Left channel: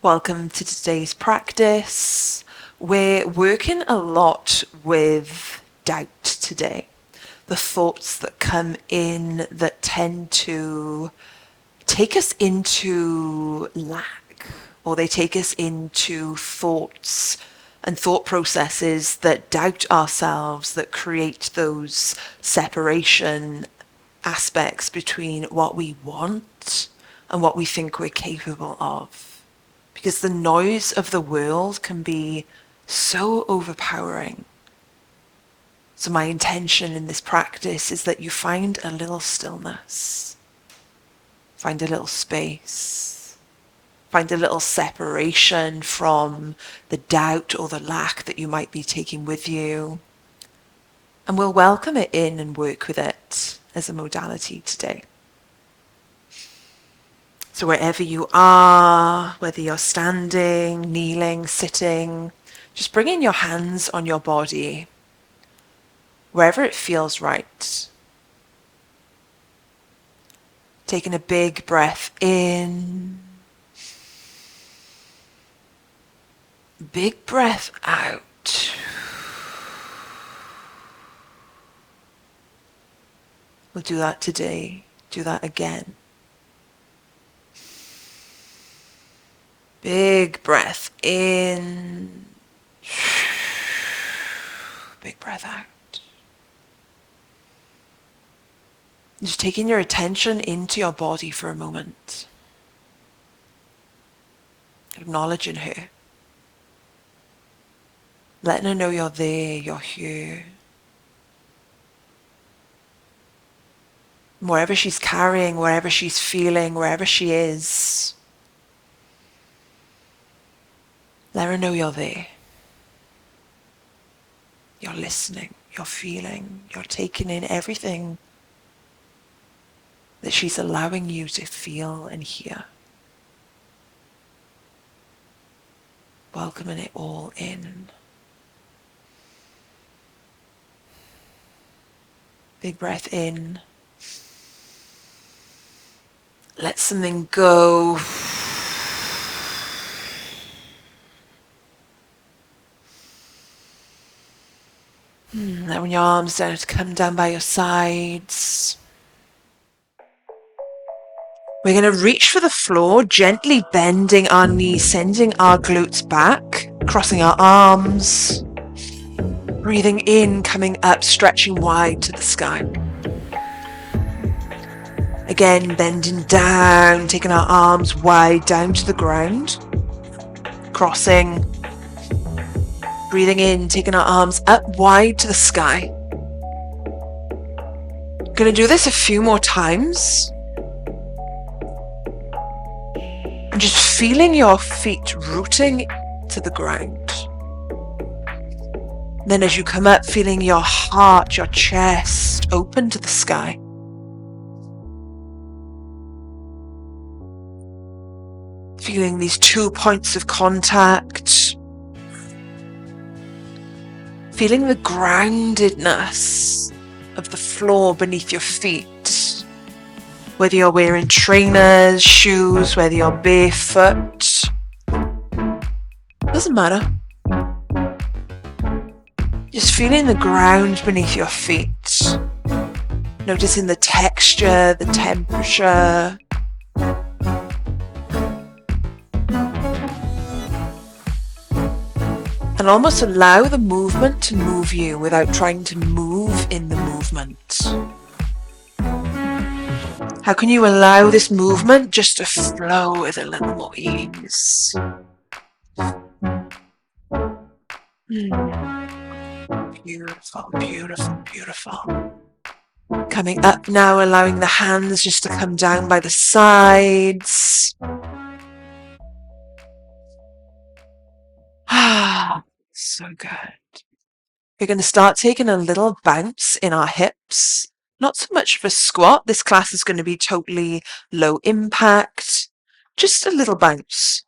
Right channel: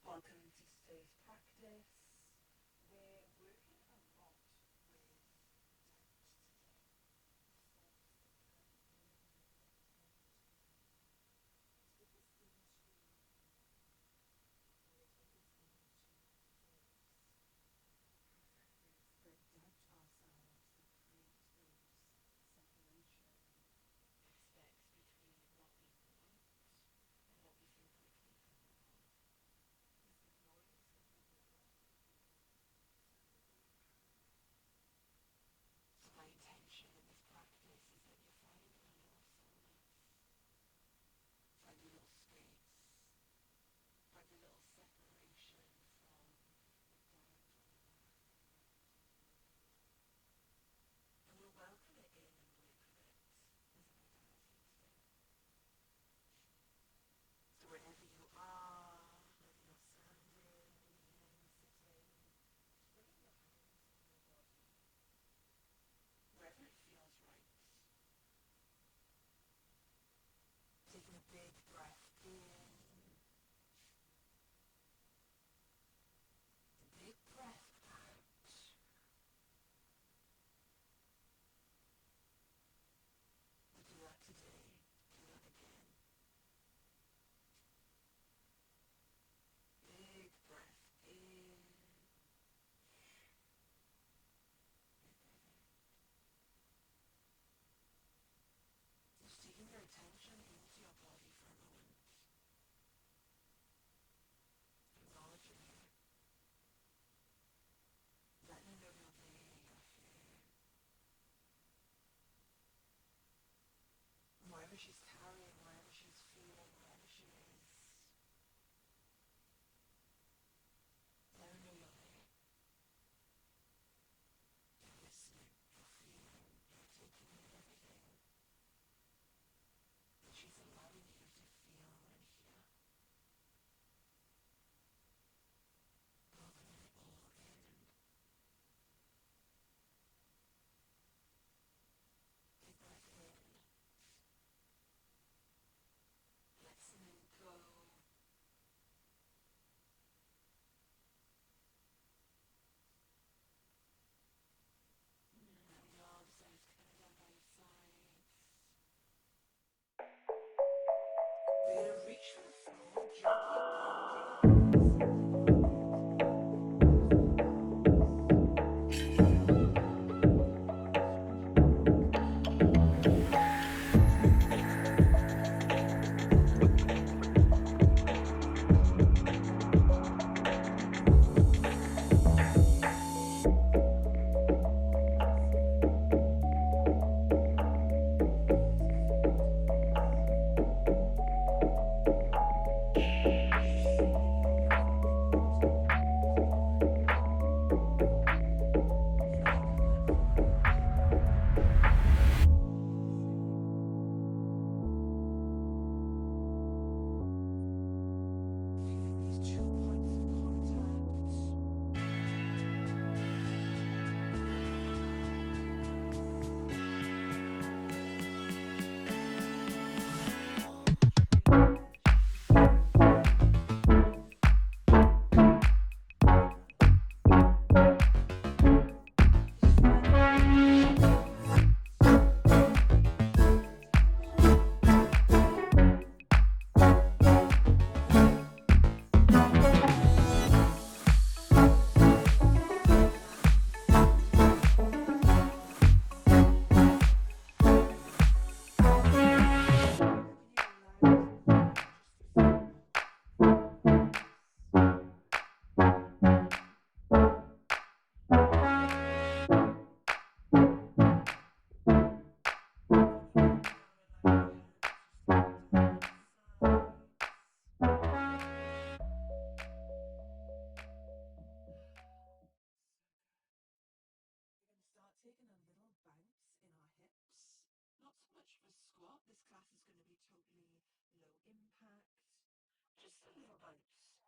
Welcome to today's practice. We're working a lot with doubt today. The thoughts that come in that tend to take us into lack, or they take us into thoughts and thought processes that doubt ourselves, that create those separation aspects between what we want and what we think we're capable of. Because the noise of the world can be so overpowering. So my intention in this practice is that you find a little stillness, find a little space, find a little separation from the doubt or the lack that you might be taking with you. And we'll welcome it in and work with it as a modality today. So wherever you are, whether you're standing, kneeling, sitting, just bringing your hands on your body, wherever it feels right. Taking a big breath in, big breath out. We'll do that today, do that again. Big breath in, big breath out. Just taking your attention into your body for a moment. Acknowledging her. Letting her know you're there, you're here. Wherever she's carrying, wherever she's feeling, wherever she is, let her know you're there. You're listening, you're feeling, you're taking in everything that she's allowing you to feel and hear. Welcoming it all in. Big breath in. Let something go. Allowing your arms down to come down by your sides. We're going to reach for the floor, gently bending our knees, sending our glutes back, crossing our arms. Breathing in, coming up, stretching wide to the sky. Again, bending down, taking our arms wide down to the ground. Crossing. Breathing in, taking our arms up wide to the sky. Going to do this a few more times. And just feeling your feet rooting to the ground. Then as you come up, feeling your heart, your chest open to the sky. Feeling these 2 points of contact. Feeling the groundedness of the floor beneath your feet. Whether you're wearing trainers, shoes, whether you're barefoot. Doesn't matter. Just feeling the ground beneath your feet. Noticing the texture, the temperature. And almost allow the movement to move you without trying to move in the movement. How can you allow this movement just to flow with a little more ease? Beautiful, beautiful, beautiful. Coming up now, allowing the hands just to come down by the sides. So good. We're going to start taking a little bounce in our hips. Not so much of a squat. This class is going to be totally low impact. Just a little bounce.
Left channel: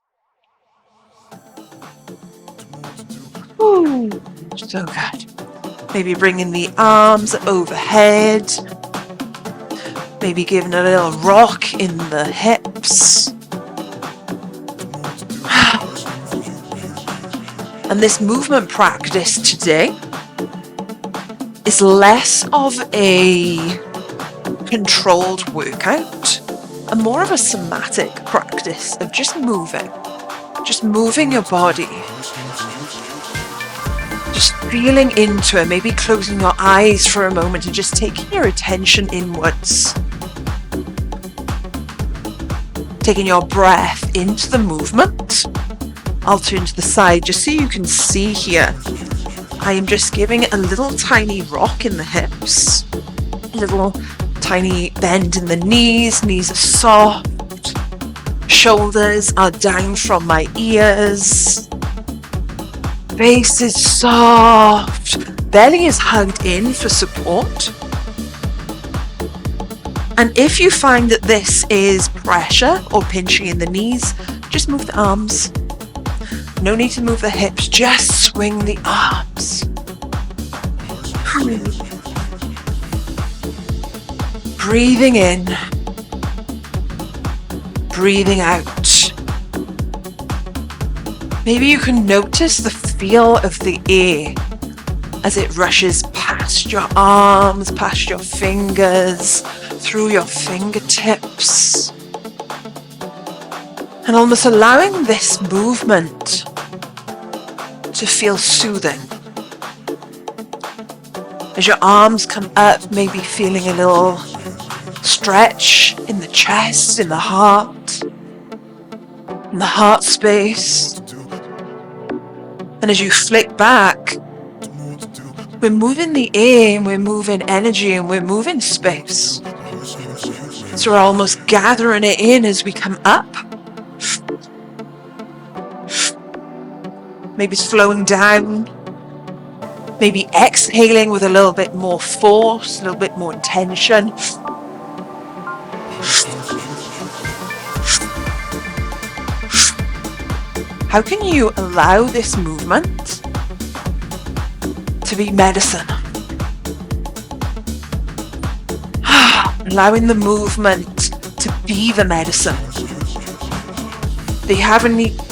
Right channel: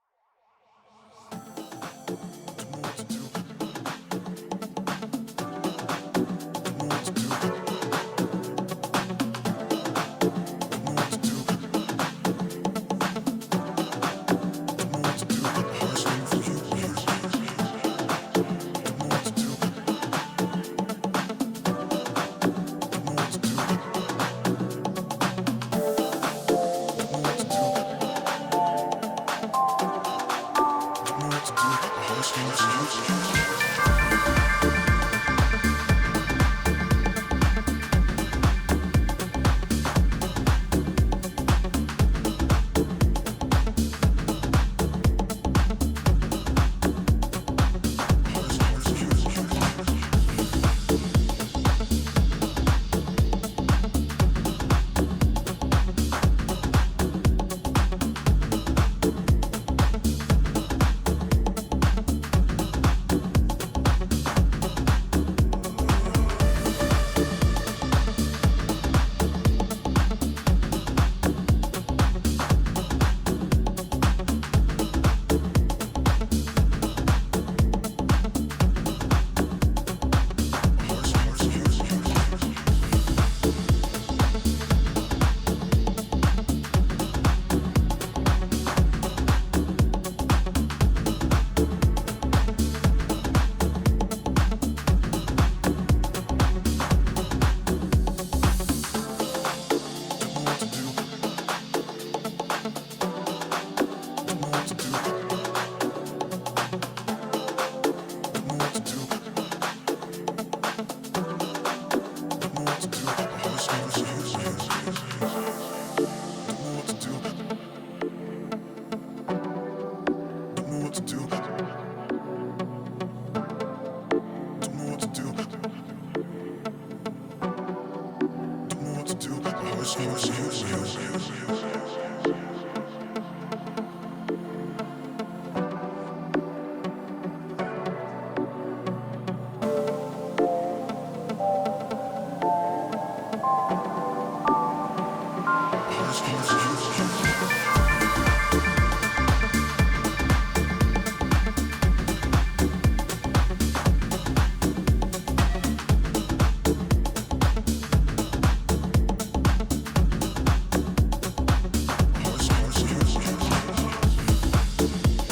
Ooh, so good. Maybe bringing the arms overhead. Maybe giving a little rock in the hips. And this movement practice today is less of a controlled workout and more of a somatic practice of just moving your body, just feeling into it, maybe closing your eyes for a moment and just taking your attention inwards, taking your breath into the movement. I'll turn to the side just so you can see here. I am just giving it a little tiny rock in the hips, a little tiny bend in the knees. Knees are soft, shoulders are down from my ears, face is soft, belly is hugged in for support. And if you find that this is pressure or pinching in the knees, just move the arms. No need to move the hips, just swing the arms. Breathing in, breathing out. Maybe you can notice the feel of the air as it rushes past your arms, past your fingers, through your fingertips. And almost allowing this movement to feel soothing. As your arms come up, maybe feeling a little stretch in the chest, in the heart space. And as you flick back, we're moving the air, and we're moving energy, and we're moving space. So we're almost gathering it in as we come up. Maybe slowing down, maybe exhaling with a little bit more force, a little bit more intention. How can you allow this movement to be medicine? Allowing the movement to be the medicine.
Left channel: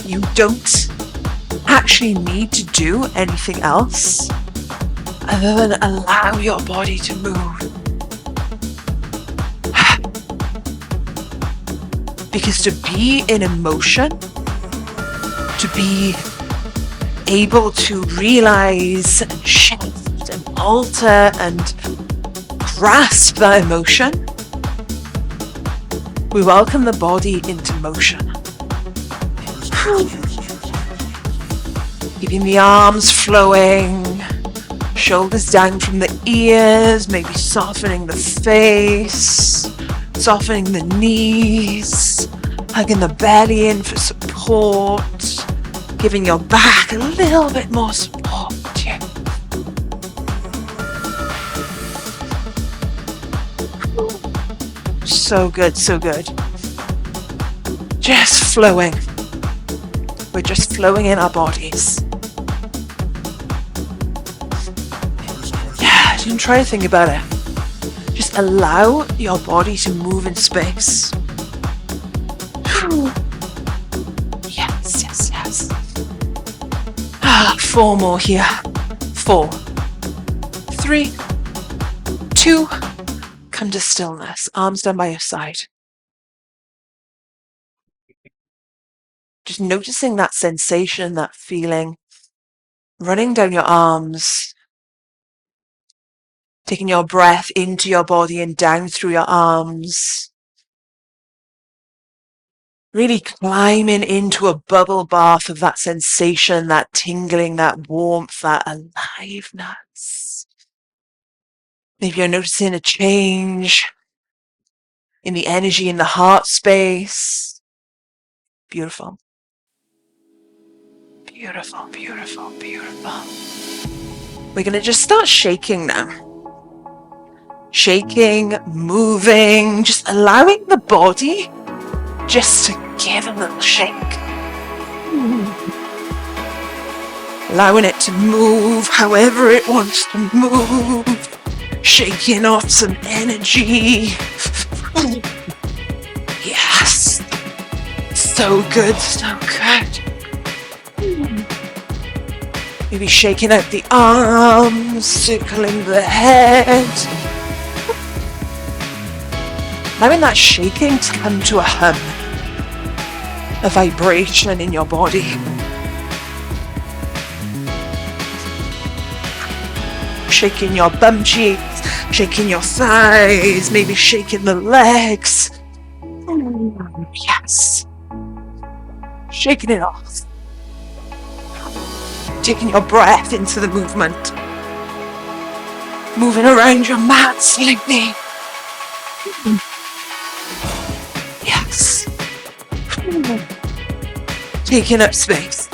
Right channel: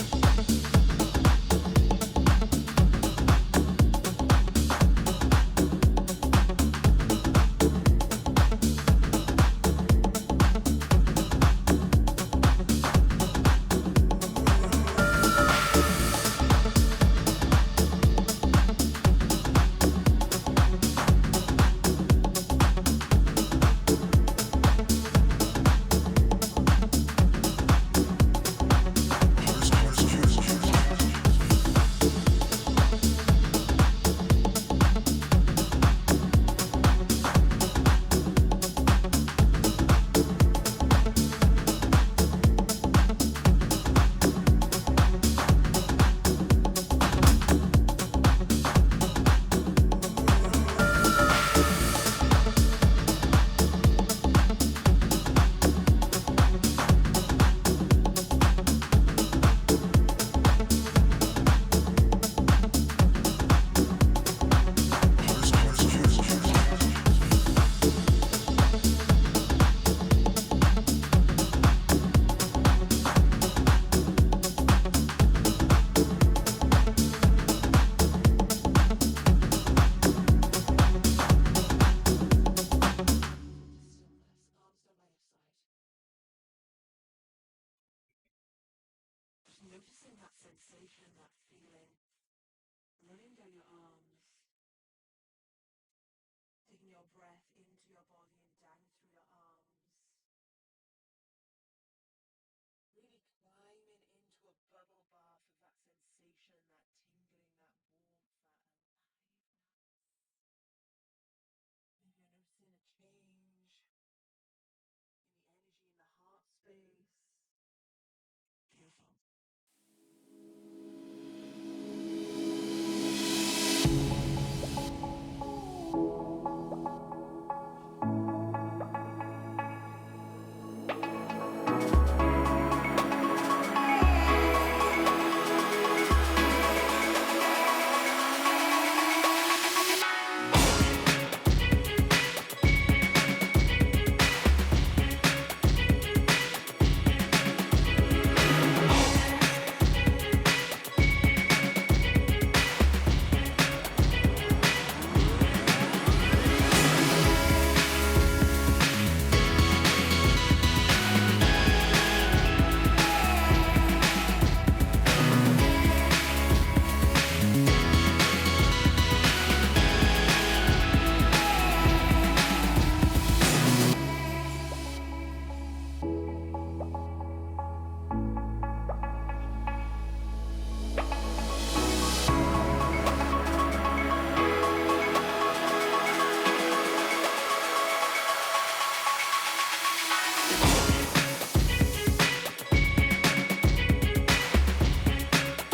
You don't actually need to do anything else other than allow your body to move. Because to be in emotion, to be able to realize and shift and alter and grasp that emotion, we welcome the body into motion. Keeping the arms flowing, shoulders down from the ears, maybe softening the face, softening the knees, hugging the belly in for support, giving your back a little bit more support. Yeah. So good, so good. Just flowing. We're just flowing in our bodies. Yeah, don't try to think about it. Just allow your body to move in space. Yes, yes, yes. 4 more here. 4, 3, 2, come to stillness. Arms down by your side. Just noticing that sensation, that feeling, running down your arms, taking your breath into your body and down through your arms. Really climbing into a bubble bath of that sensation, that tingling, that warmth, that aliveness. Maybe you're noticing a change in the energy in the heart space. Beautiful. Beautiful, beautiful, beautiful. We're going to just start shaking now. Shaking, moving, just allowing the body just to give a little shake. Allowing it to move however it wants to move. Shaking off some energy. Yes. So good, so good. Maybe shaking out the arms, circling the head. Allowing that shaking to come to a hum, a vibration in your body. Shaking your bum cheeks, shaking your thighs, maybe shaking the legs. Yes. Shaking it off. Taking your breath into the movement. Moving around your mat slightly. Yes. Taking up space.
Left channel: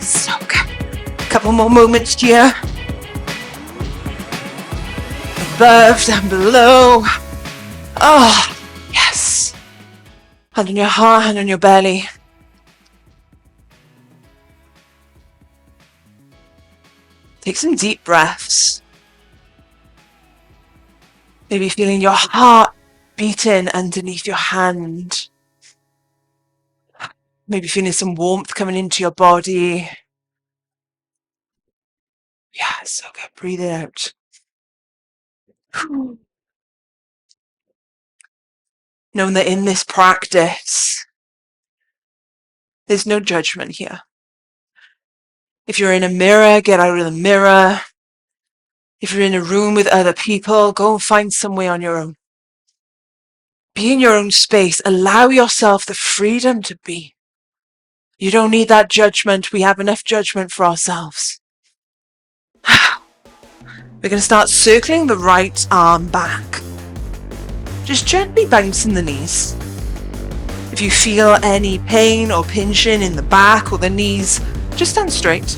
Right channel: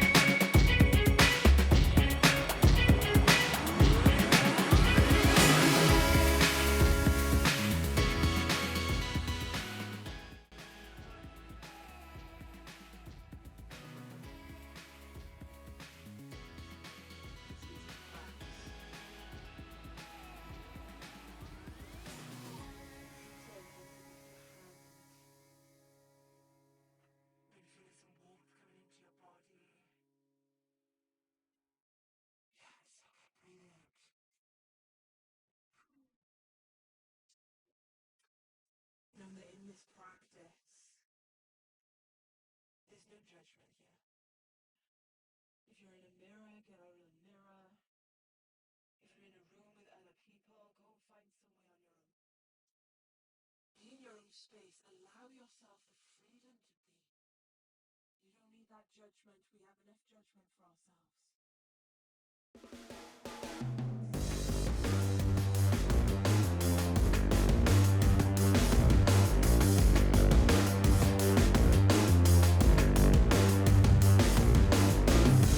So good. Couple more moments here. Above and below. Oh, yes. Hand on your heart, hand on your belly. Take some deep breaths. Maybe feeling your heart beating underneath your hand. Maybe feeling some warmth coming into your body. Yeah, so good. Breathe it out. Knowing that in this practice, there's no judgment here. If you're in a mirror, get out of the mirror. If you're in a room with other people, go and find somewhere on your own. Be in your own space. Allow yourself the freedom to be. You don't need that judgment. We have enough judgment for ourselves. We're going to start circling the right arm back. Just gently bouncing the knees. If you feel any pain or pinching in the back or the knees, just stand straight.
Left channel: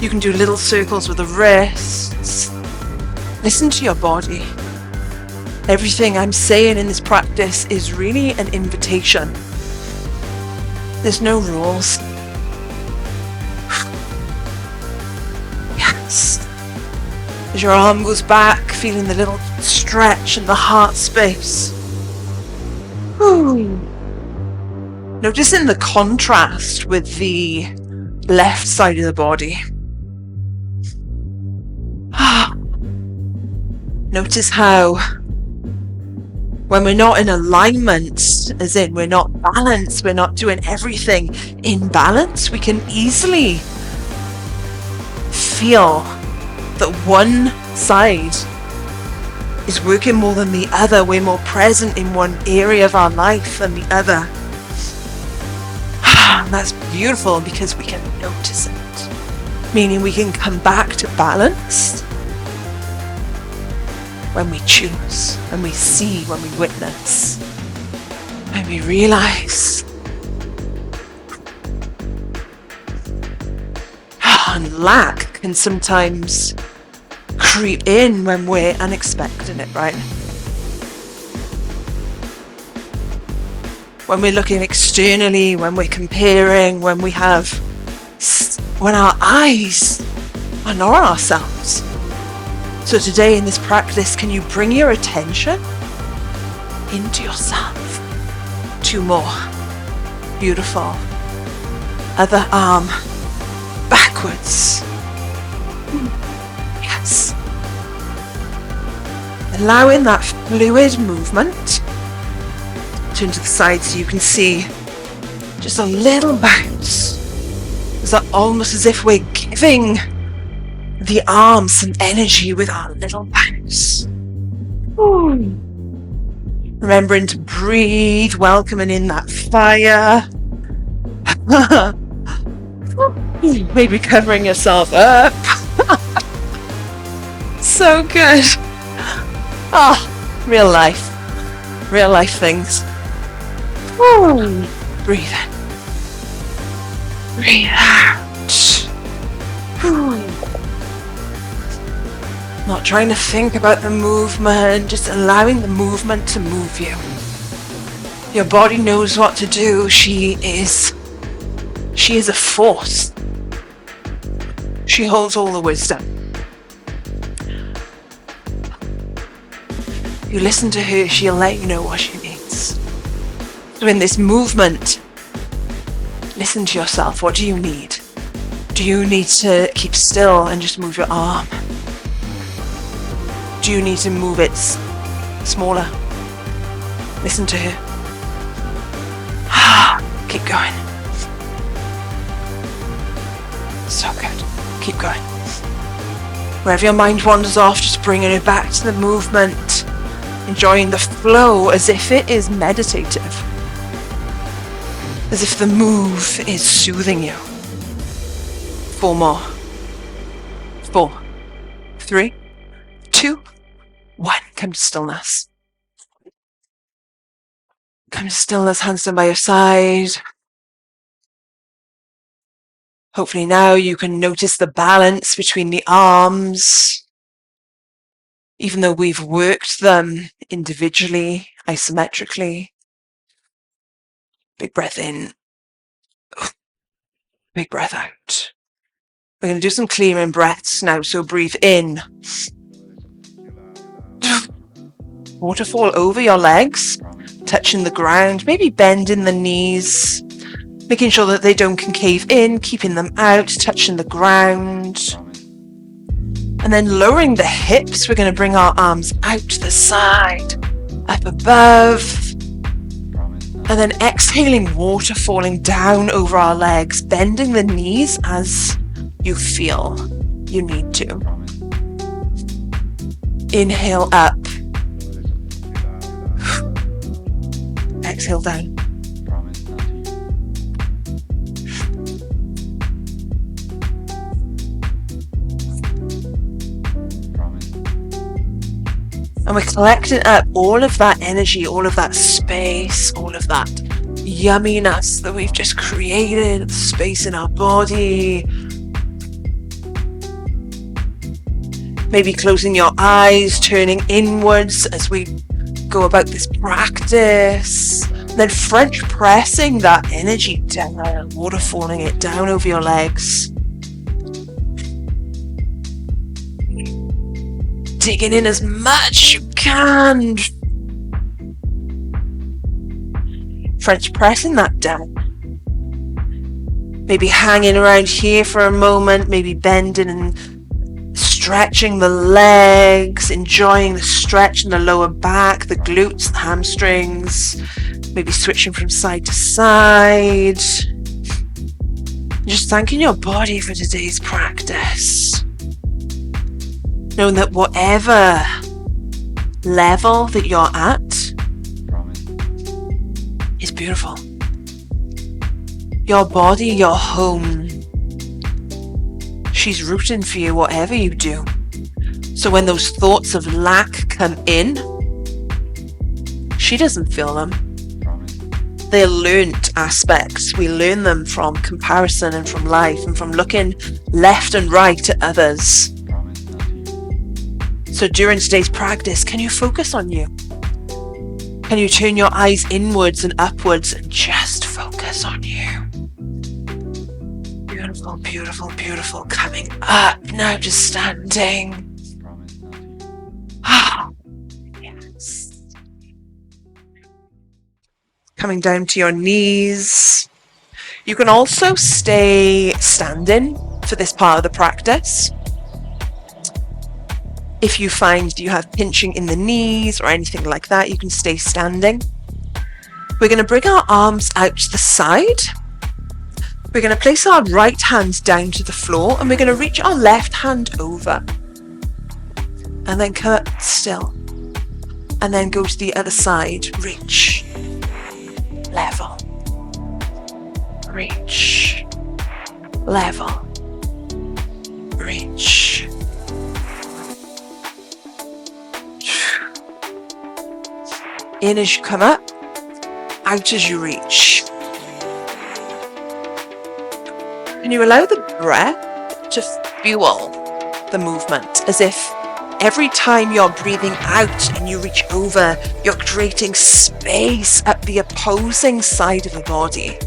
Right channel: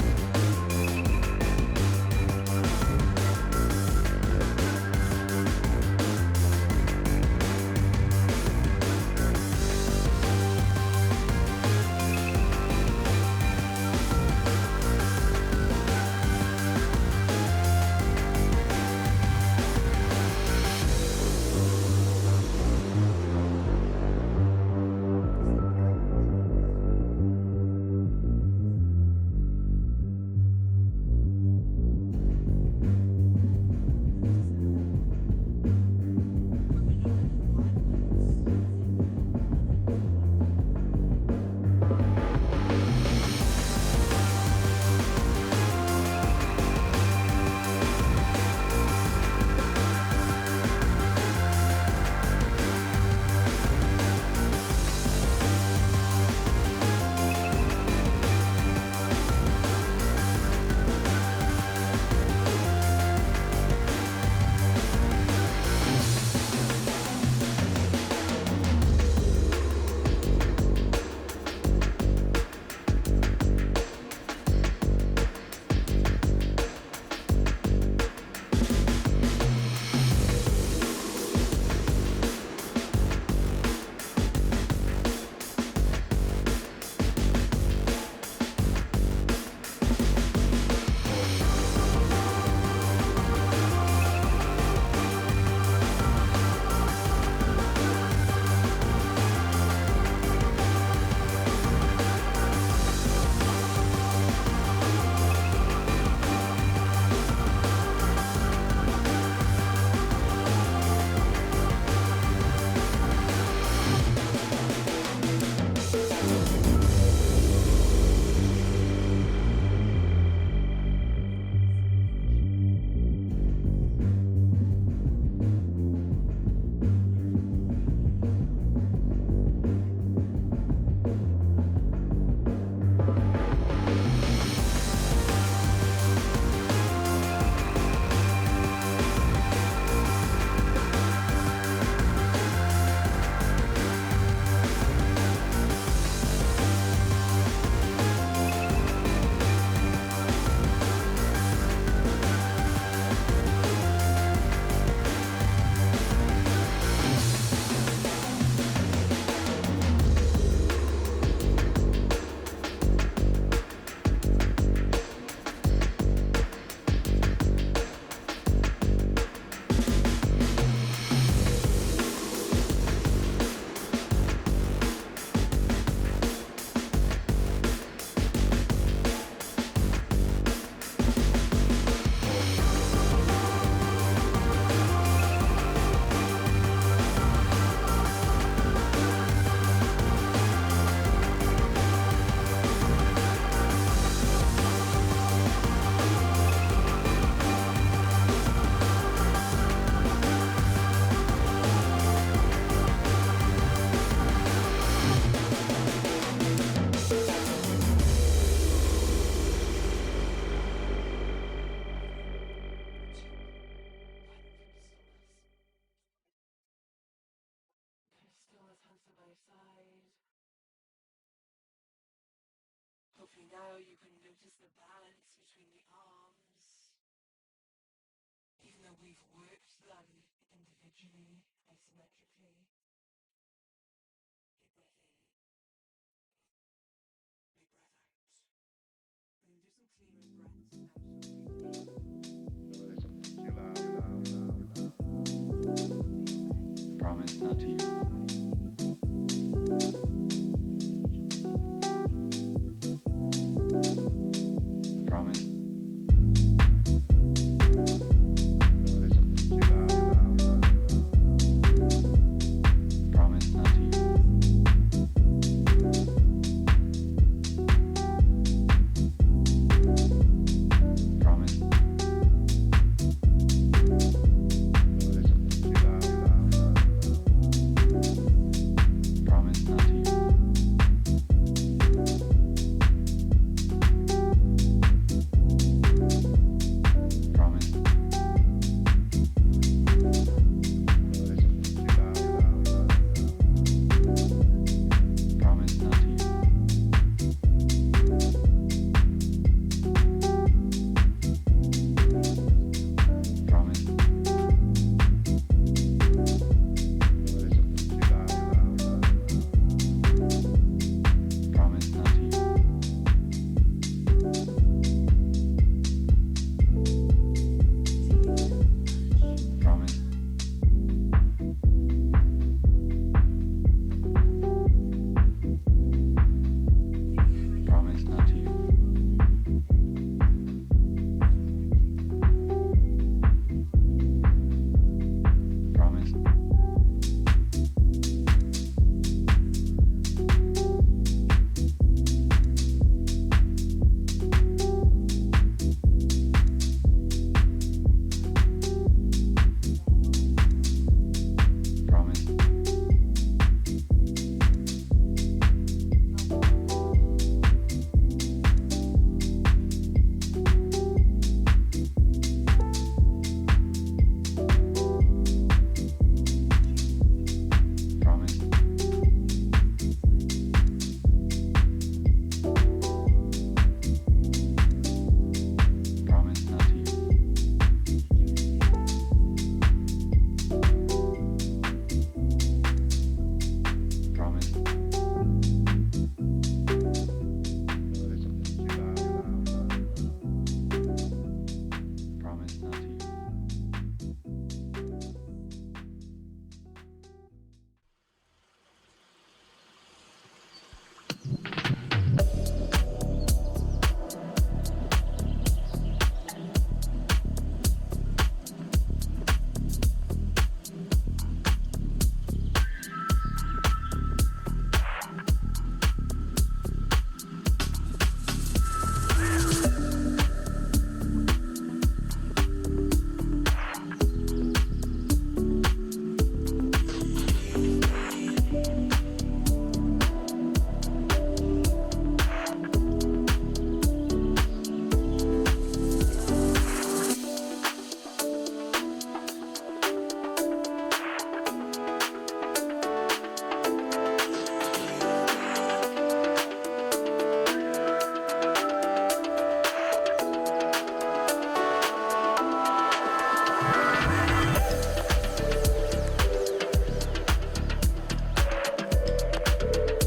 You can do little circles with the wrists. Listen to your body. Everything I'm saying in this practice is really an invitation. There's no rules. Yes. As your arm goes back, feeling the little stretch in the heart space. Ooh. Noticing the contrast with the left side of the body. Notice how when we're not in alignment, as in we're not balanced, we're not doing everything in balance, we can easily feel that one side is working more than the other. We're more present in one area of our life than the other. And that's beautiful because we can notice it, meaning we can come back to balance when we choose, when we see, when we witness, when we realize. And lack can sometimes creep in when we're unexpecting it, right? When we're looking externally, when we're comparing, when our eyes are not on ourselves. So today in this practice, can you bring your attention into yourself? 2 more. Beautiful. Other arm backwards. Yes. Allowing that fluid movement. Turn to the side so you can see just a little bounce. It's almost as if we're giving the arms some energy with our little bounce. Ooh. Remembering to breathe, welcoming in that fire. Maybe covering yourself up. So good. Oh, real life things. Ooh. Breathe in. Breathe out. Ooh. Not trying to think about the movement, just allowing the movement to move you. Your body knows what to do. She is a force. She holds all the wisdom. You listen to her, she'll let you know what she needs. So in this movement, listen to yourself. What do you need? Do you need to keep still and just move your arm? Do you need to move it smaller? Listen to her. Keep going. So good. Keep going. Wherever your mind wanders off, just bringing it back to the movement. Enjoying the flow as if it is meditative. As if the move is soothing you. 4 more. 4, 3, 2, 1. Come to stillness. Come to stillness, hands down by your side. Hopefully now you can notice the balance between the arms. Even though we've worked them individually, isometrically. Big breath in. Big breath out. We're going to do some clearing breaths now. So breathe in. Waterfall over your legs, touching the ground, maybe bending the knees, making sure that they don't concave in, keeping them out, touching the ground. And then lowering the hips, we're going to bring our arms out to the side, up above. And then exhaling, water falling down over our legs, bending the knees as you feel you need to. Inhale up. Exhale down. And we're collecting up all of that energy, all of that space, all of that yumminess that we've just created, space in our body. Maybe closing your eyes, turning inwards as we go about this practice. Then French pressing that energy down, waterfalling it down over your legs. Digging in as much as you can. French pressing that down. Maybe hanging around here for a moment, maybe bending and stretching the legs, enjoying the stretch in the lower back, the glutes, the hamstrings, maybe switching from side to side. Just thanking your body for today's practice. Knowing that whatever level that you're at is beautiful. Your body, your home, she's rooting for you whatever you do. So when those thoughts of lack come in, she doesn't feel them. They're learnt aspects. We learn them from comparison and from life and from looking left and right at others. So during today's practice, can you focus on you? Can you turn your eyes inwards and upwards and just focus on you? Beautiful, beautiful, beautiful. Coming up, now just standing. Yes. Coming down to your knees. You can also stay standing for this part of the practice. If you find you have pinching in the knees or anything like that, you can stay standing. We're going to bring our arms out to the side. We're going to place our right hand down to the floor and we're going to reach our left hand over. And then come up still. And then go to the other side. Reach. Level. Reach. Level. Reach. In as you come up, out as you reach. And you allow the breath to fuel the movement, as if every time you're breathing out and you reach over, you're creating space up the opposing side of the body.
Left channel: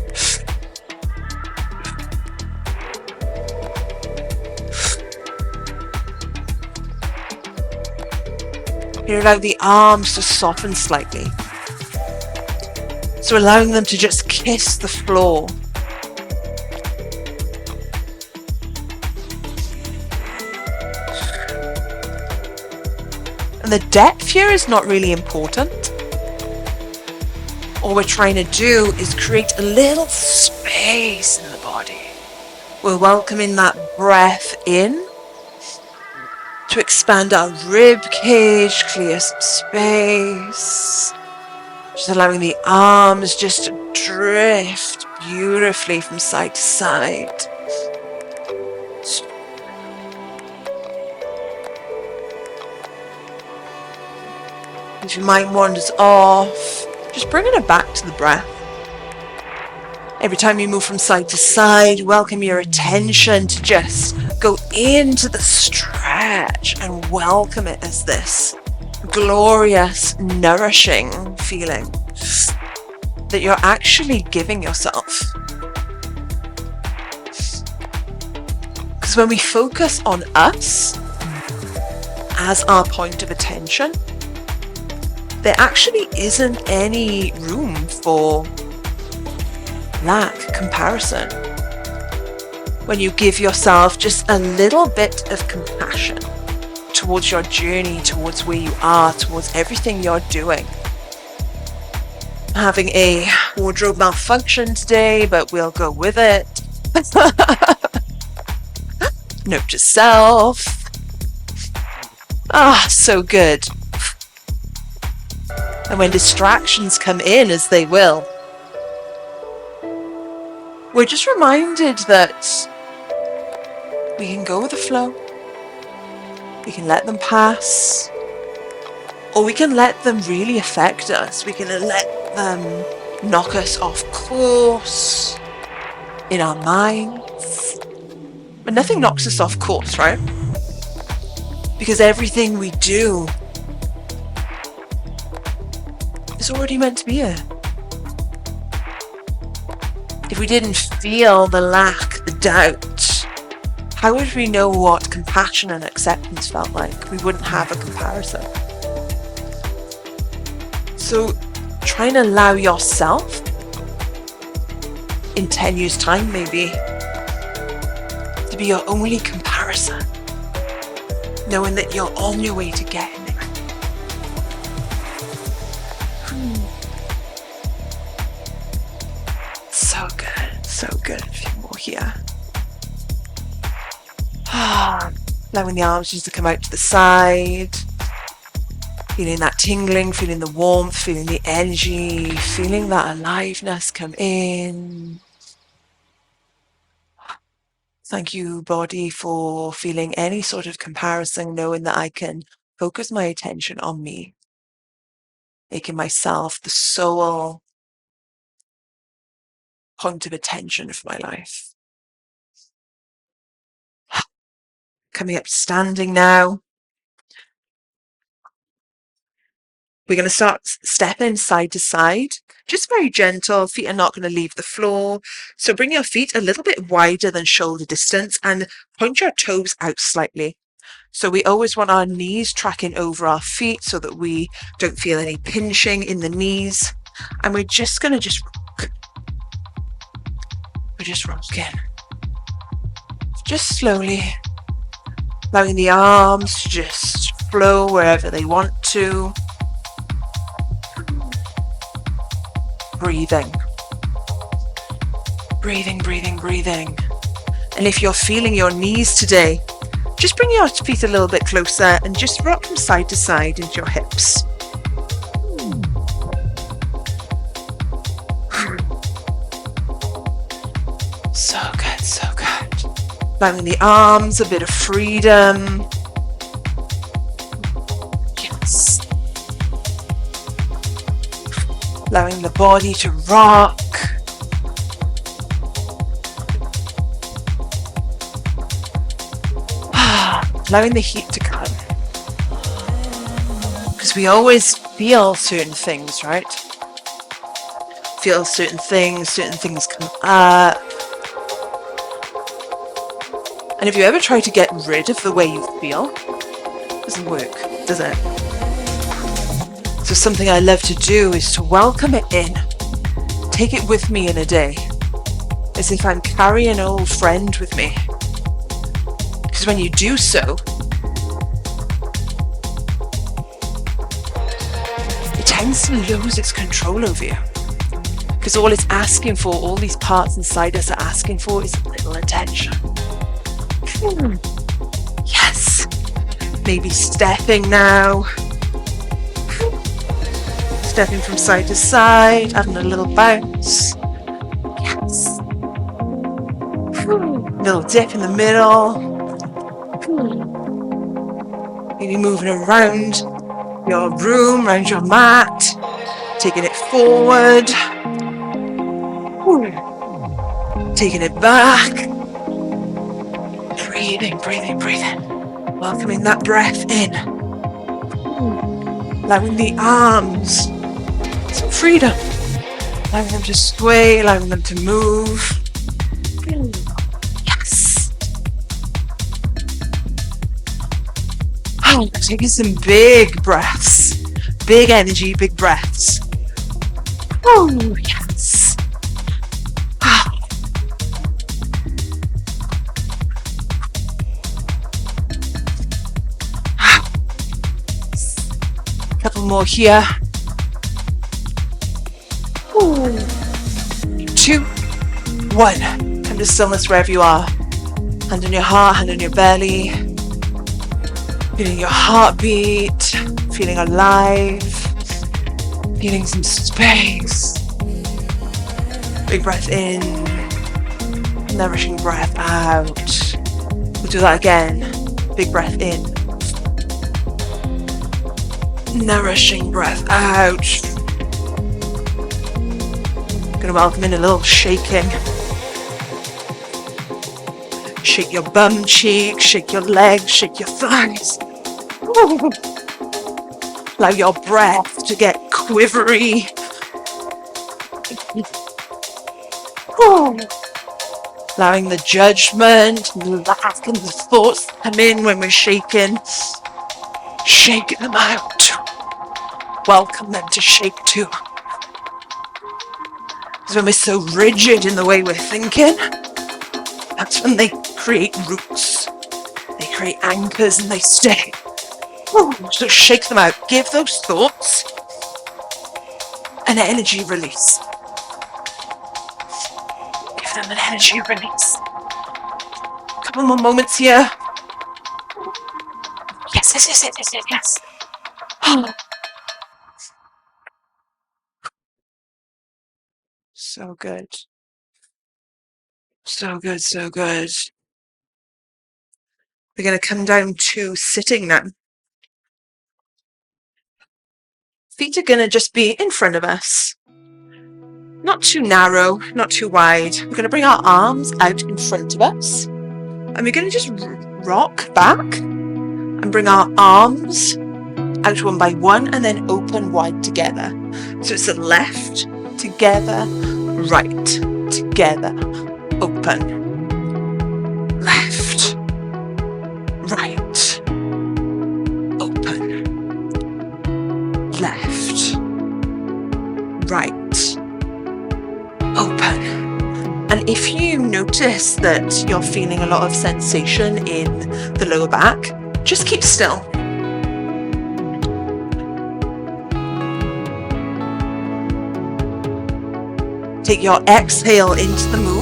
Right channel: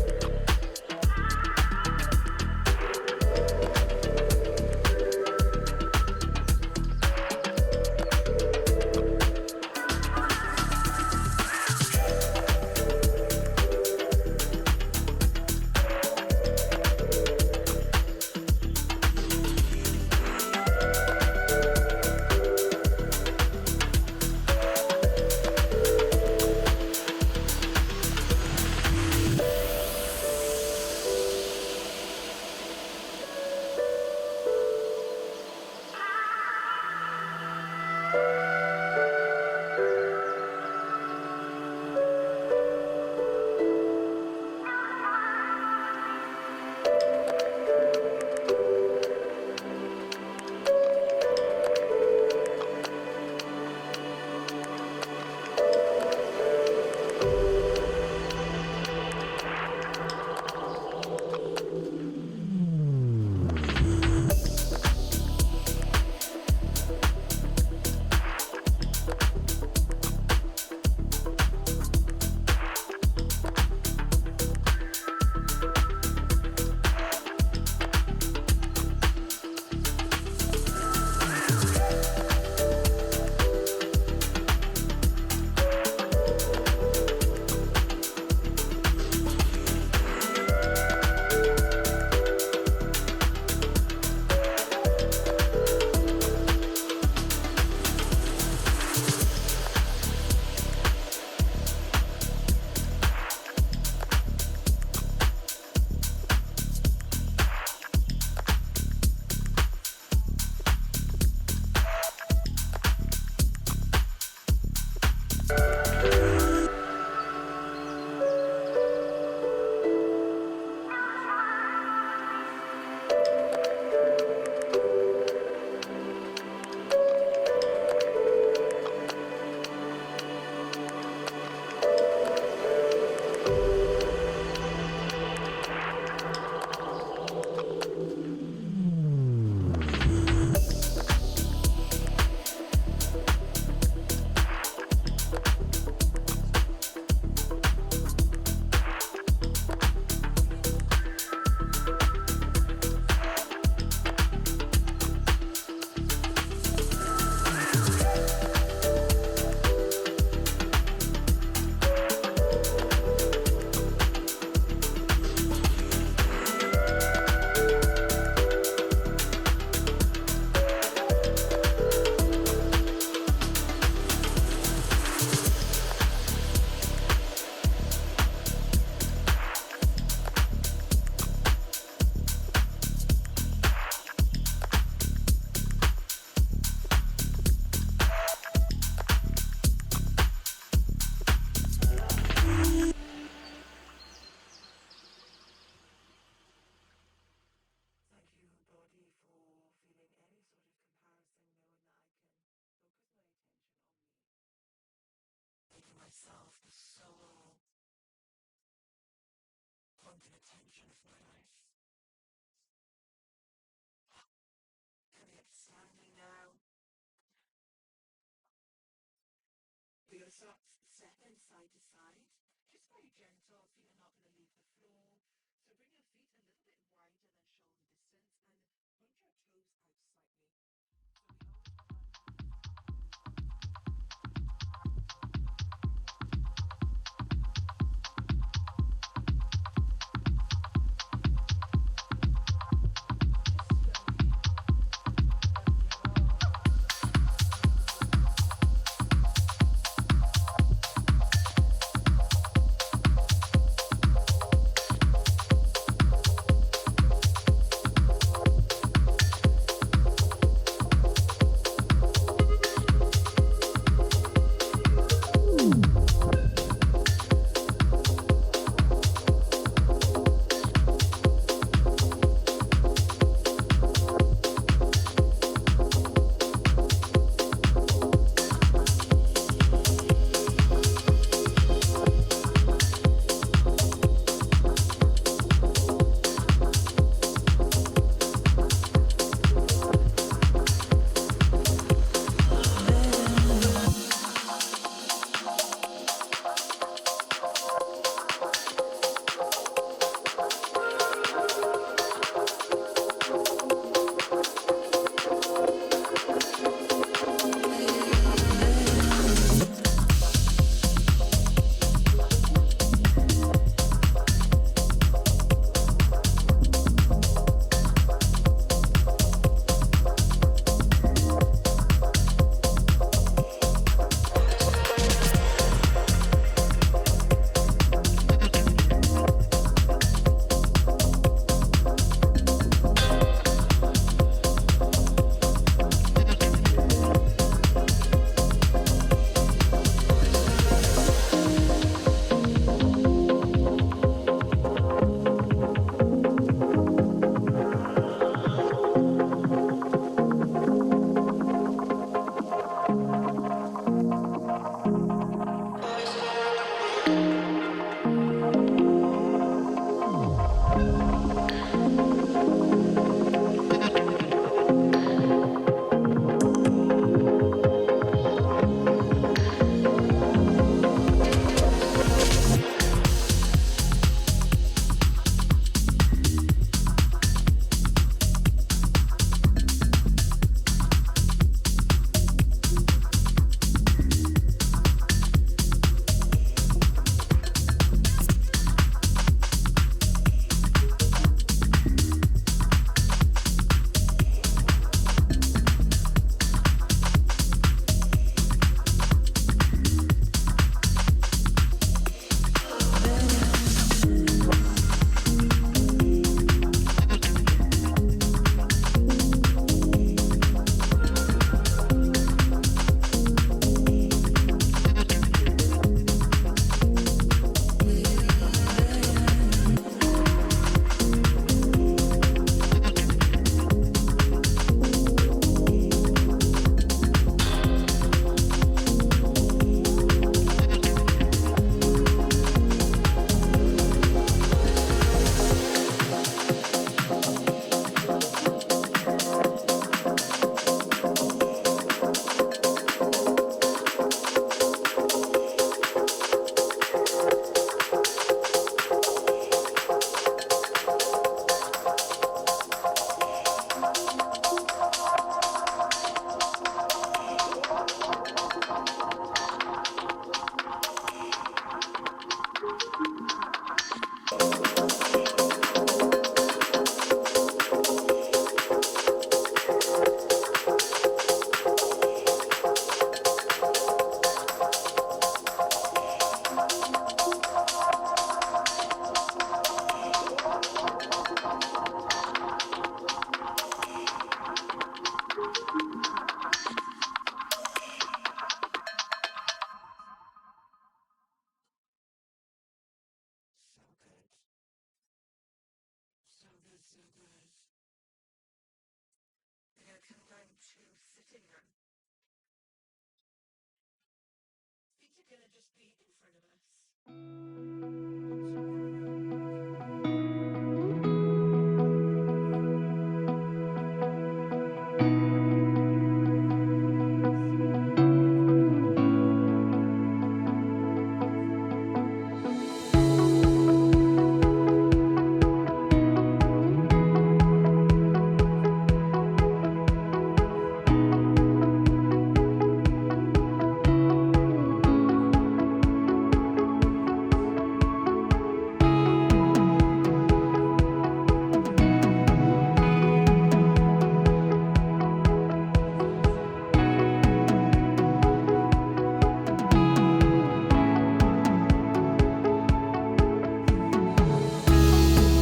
You allow the arms to soften slightly. So allowing them to just kiss the floor. And the depth here is not really important. All we're trying to do is create a little space in the body. We're welcoming that breath in to expand our rib cage, clear some space. Just allowing the arms just to drift beautifully from side to side. If your mind wanders off, just bringing it back to the breath. Every time you move from side to side, welcome your attention to just go into the stretch and welcome it as this glorious, nourishing feeling that you're actually giving yourself. Because when we focus on us as our point of attention, there actually isn't any room for lack, comparison. When you give yourself just a little bit of compassion towards your journey, towards where you are, towards everything you're doing. Having a wardrobe malfunction today, but we'll go with it. Note to self. So good. And when distractions come in, as they will, we're just reminded that we can go with the flow. We can let them pass. Or we can let them really affect us. We can let them knock us off course in our minds. But nothing knocks us off course, right? Because everything we do is already meant to be here. If we didn't feel the lack, the doubt, how would we know what compassion and acceptance felt like? We wouldn't have a comparison. So try and allow yourself, in 10 years' time maybe, to be your only comparison, knowing that you're on your way to getting there. So good, so good. A few more here. Allowing the arms just to come out to the side. Feeling that tingling, feeling the warmth, feeling the energy, feeling that aliveness come in. Thank you, body, for feeling any sort of comparison, knowing that I can focus my attention on me, making myself the sole point of attention of my life. Coming up standing now. We're going to start stepping side to side, just very gentle. Feet are not going to leave the floor. So bring your feet a little bit wider than shoulder distance and point your toes out slightly. So we always want our knees tracking over our feet so that we don't feel any pinching in the knees. And we're just going to rock. We're just rocking. Just slowly, allowing the arms to just flow wherever they want to. Breathing. Breathing, breathing, breathing. And if you're feeling your knees today, just bring your feet a little bit closer and just rock them side to side into your hips. So good, so good. Allowing the arms a bit of freedom. Yes. Allowing the body to rock. Allowing the heat to come. Because we always feel certain things, right? Feel certain things come up. And if you ever try to get rid of the way you feel, it doesn't work, does it? So something I love to do is to welcome it in take it with me in a day, as if I'm carrying an old friend with me. Because when you do so, it tends to lose its control over you. Because all it's asking for, all these parts inside us are asking for, is a little attention. Yes. Maybe stepping now. Stepping from side to side, having a little bounce. Yes. Little dip in the middle. Maybe moving around your room, around your mat. Taking it forward. Taking it back. Breathing, breathing, breathing. Welcoming that breath in. Allowing the arms some freedom. Allowing them to sway, allowing them to move. Yes. Oh, taking some big breaths. Big energy, big breaths. Oh, yes. More here. 2, 1. Come to stillness wherever you are. Hand on your heart, hand on your belly. Feeling your heartbeat. Feeling alive. Feeling some space. Big breath in. Nourishing breath out. We'll do that again. Big breath in. Nourishing breath out. Gonna welcome in a little shaking. Shake your bum cheek, shake your legs, shake your thighs. Ooh. Allow your breath to get quivery. Ooh. Allowing the judgment, lack and the thoughts to come in when we're shaking. Shaking them out. Welcome them to shake too. Because when we're so rigid in the way we're thinking, that's when they create roots. They create anchors and they stay. So shake them out. Give those thoughts an energy release. Give them an energy release. Couple more moments here. Yes, yes, yes, yes, yes, yes. So good. So good, so good. We're going to come down to sitting now. Feet are going to just be in front of us. Not too narrow, not too wide. We're going to bring our arms out in front of us. And we're going to just rock back and bring our arms out one by one and then open wide together. So it's the left, together, right, together, open. Left, right, open. Left, right, open. And if you notice that you're feeling a lot of sensation in the lower back, just keep still. Take your exhale into the move.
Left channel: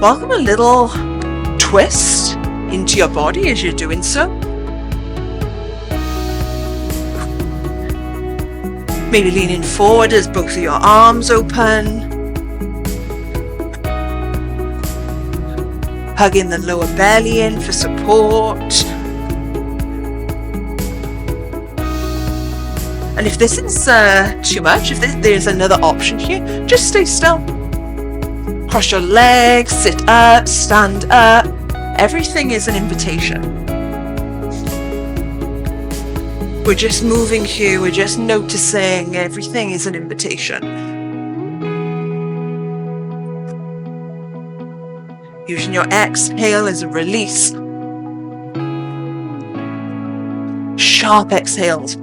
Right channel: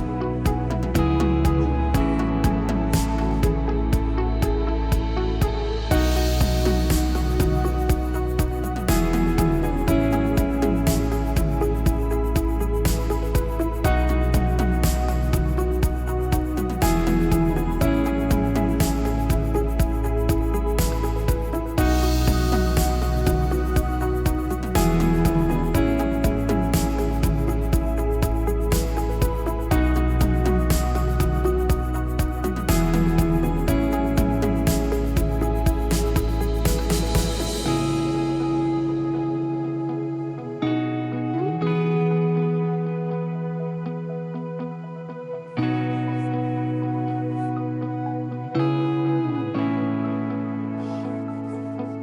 Welcome a little twist into your body as you're doing so. Maybe leaning forward as both of your arms open. Hugging the lower belly in for support. And if this is too much, if there's another option here, just stay still. Cross your legs, sit up, stand up. Everything is an invitation. We're just moving here, we're just noticing. Everything is an invitation. Using your exhale as a release. sharp exhales.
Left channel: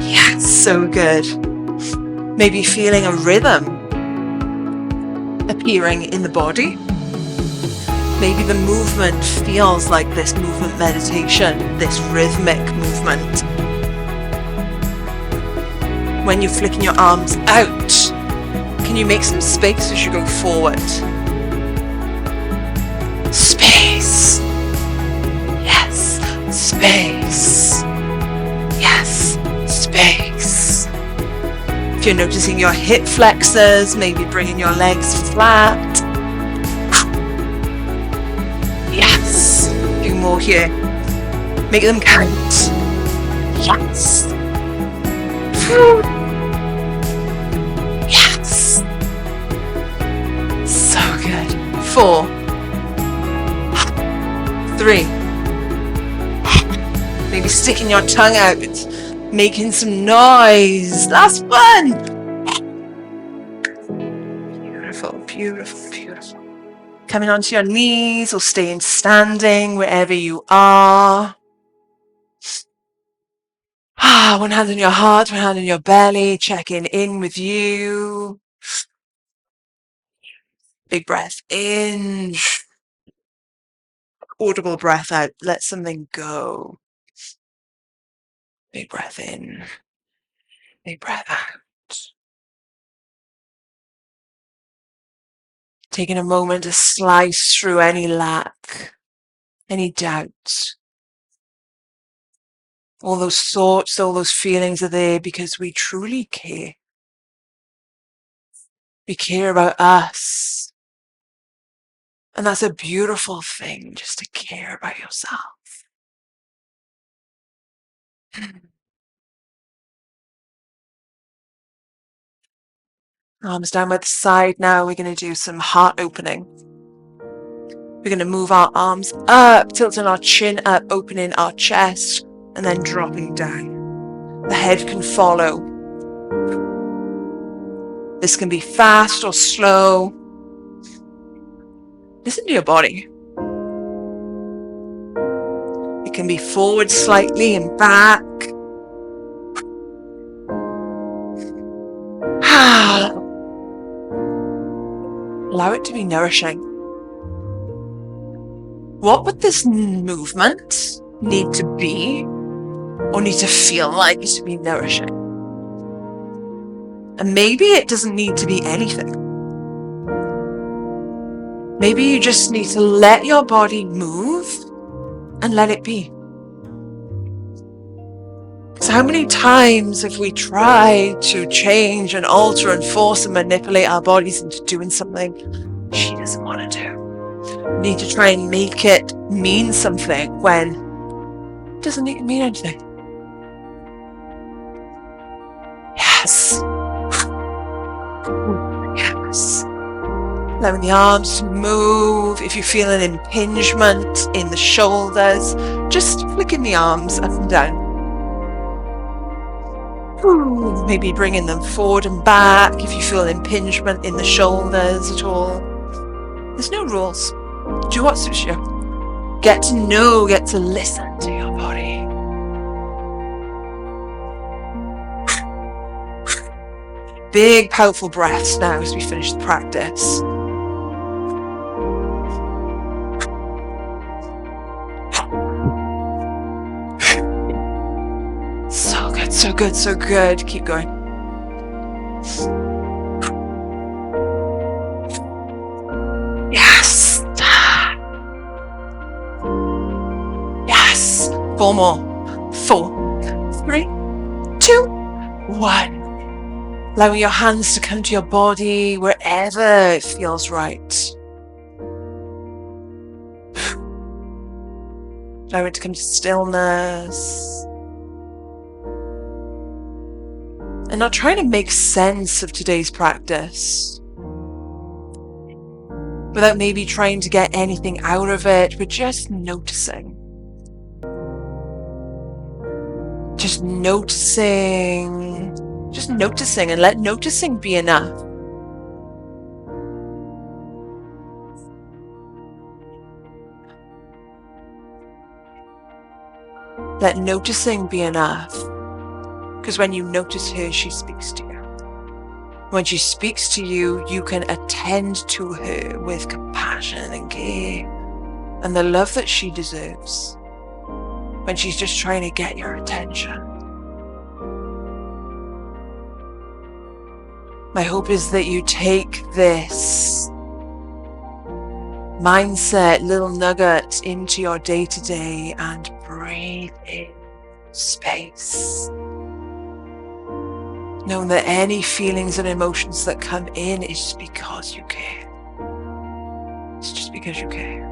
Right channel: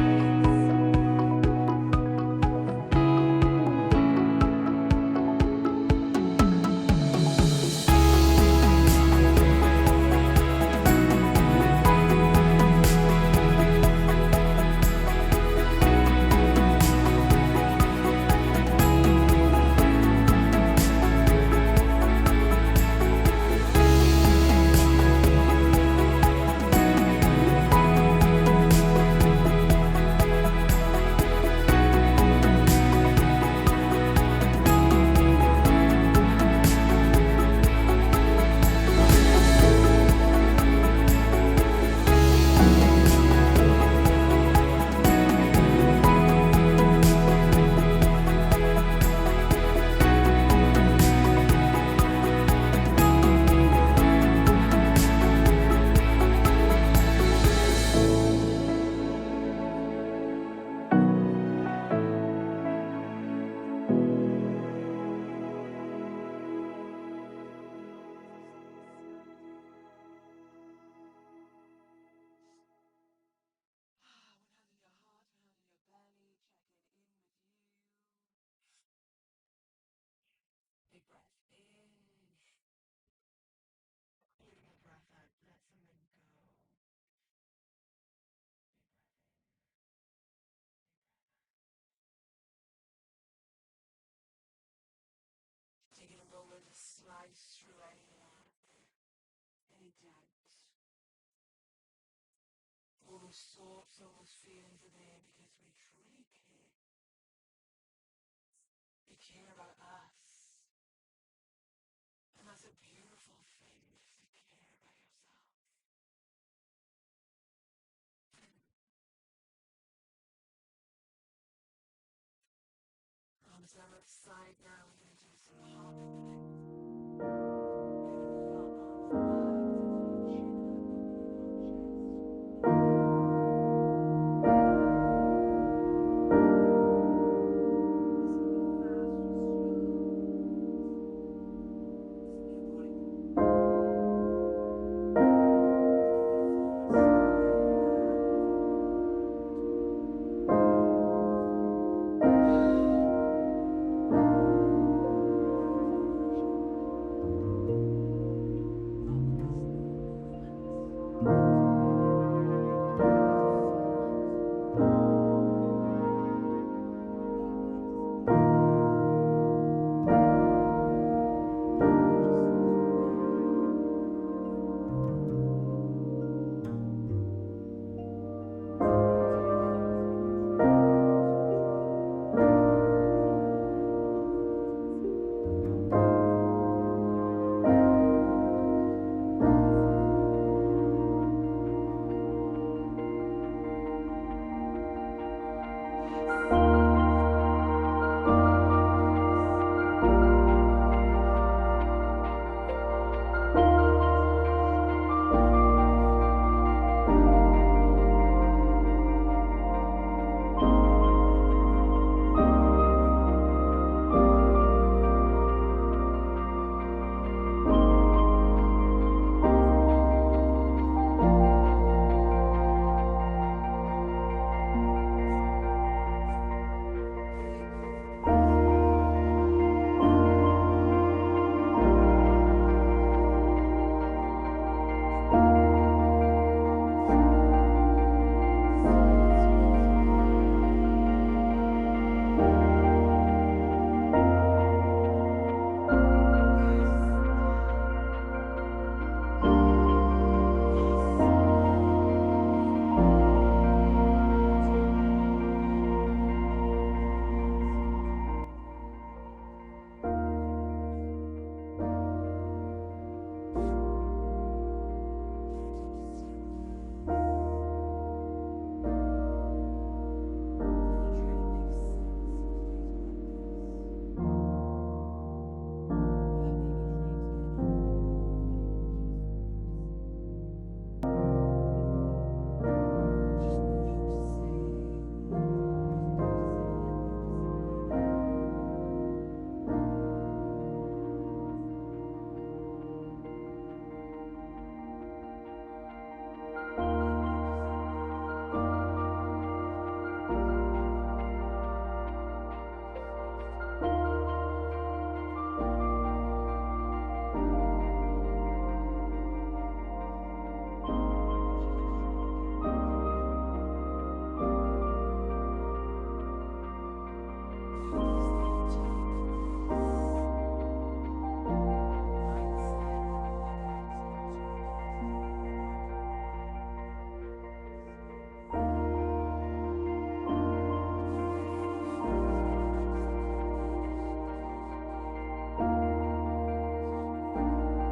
Yes, so good. Maybe feeling a rhythm appearing in the body. Maybe the movement feels like this movement meditation, this rhythmic movement. When you're flicking your arms out, can you make some space as you go forward? Space. Yes, space. Yes, space. If you're noticing your hip flexors, maybe bringing your legs flat. Yes. A few more here. Make them count. Yes. Yes. So good. 4, 3. Maybe sticking your tongue out, making some noise. Last one. Beautiful, beautiful, beautiful. Coming onto your knees or staying standing wherever you are. One hand on your heart, one hand on your belly, checking in with you. Big breath in. Audible breath out. Let something go. Big breath in. Big breath out. Taking a moment to slice through any lack, any doubt. All those thoughts, all those feelings are there because we truly care. We care about us. And that's a beautiful thing, just to care about yourself. Arms down by the side now. We're going to do some heart opening. We're going to move our arms up, tilting our chin up, opening our chest, and then dropping down. The head can follow. This can be fast or slow. Listen to your body. It can be forward slightly and back. Allow it to be nourishing. What would this movement need to be or need to feel like to be nourishing? And maybe it doesn't need to be anything. Maybe you just need to let your body move and let it be. So how many times have we tried to change and alter and force and manipulate our bodies into doing something she doesn't want to do? We need to try and make it mean something when it doesn't need to mean anything. Yes. Yes. Allowing the arms to move. If you feel an impingement in the shoulders, just flicking the arms up and down. Maybe bringing them forward and back if you feel an impingement in the shoulders at all. There's no rules. Do what suits you. Get to know, get to listen to your body. Big, powerful breaths now as we finish the practice. So good, so good, so good. Keep going. Yes. Yes. 4 more. 4, 3, 2, 1. Allowing your hands to come to your body wherever it feels right. Allow it to come to stillness. And not trying to make sense of today's practice. Without maybe trying to get anything out of it, but just noticing. Just noticing and let noticing be enough. Let noticing be enough. Because when you notice her, she speaks to you. When she speaks to you, you can attend to her with compassion and care and the love that she deserves when she's just trying to get your attention. My hope is that you take this mindset, little nugget into your day-to-day and breathe in space. Knowing that any feelings and emotions that come in is just because you care. It's just because you care.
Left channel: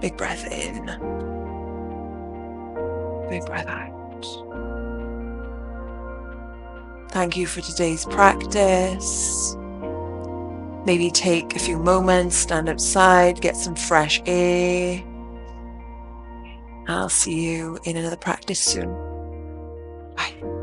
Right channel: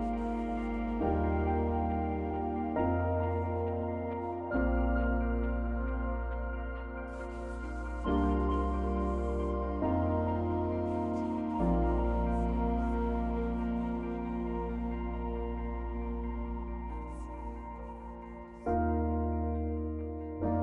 Big breath in. Big breath out. Thank you for today's practice. Maybe take a few moments, stand outside, get some fresh air. I'll see you in another practice soon. Bye.